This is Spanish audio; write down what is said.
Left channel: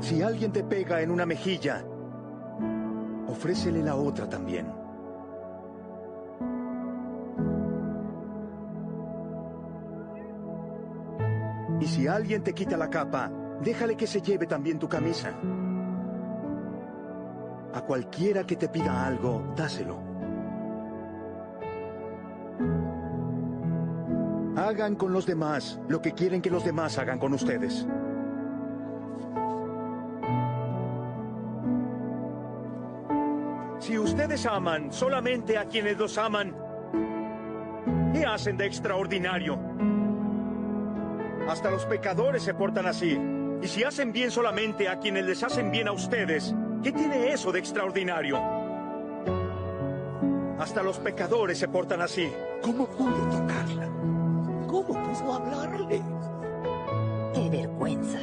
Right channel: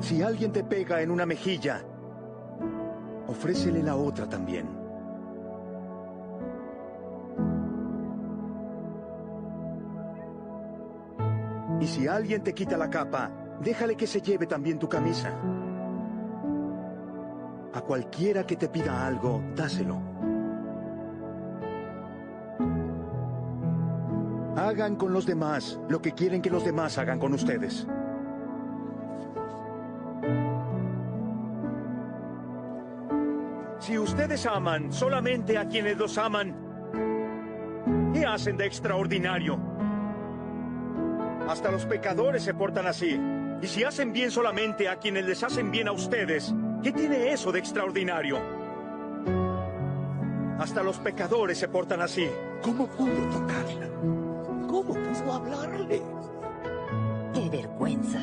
Si alguien te pega en una mejilla, ofrécele la otra también. Y si alguien te quita la capa, déjale que se lleve también tu camisa. A cualquiera que te pida algo, dáselo. Hagan con los demás lo que quieren que los demás hagan con ustedes. Si ustedes aman solamente a quienes los aman, ¿qué hacen de extraordinario? Hasta los pecadores se portan así. Y si hacen bien solamente a quienes les hacen bien a ustedes, ¿qué tiene eso de extraordinario? Hasta los pecadores se portan así. ¿Cómo pudo tocarla? ¿Cómo pudo hablarle? ¡Qué vergüenza!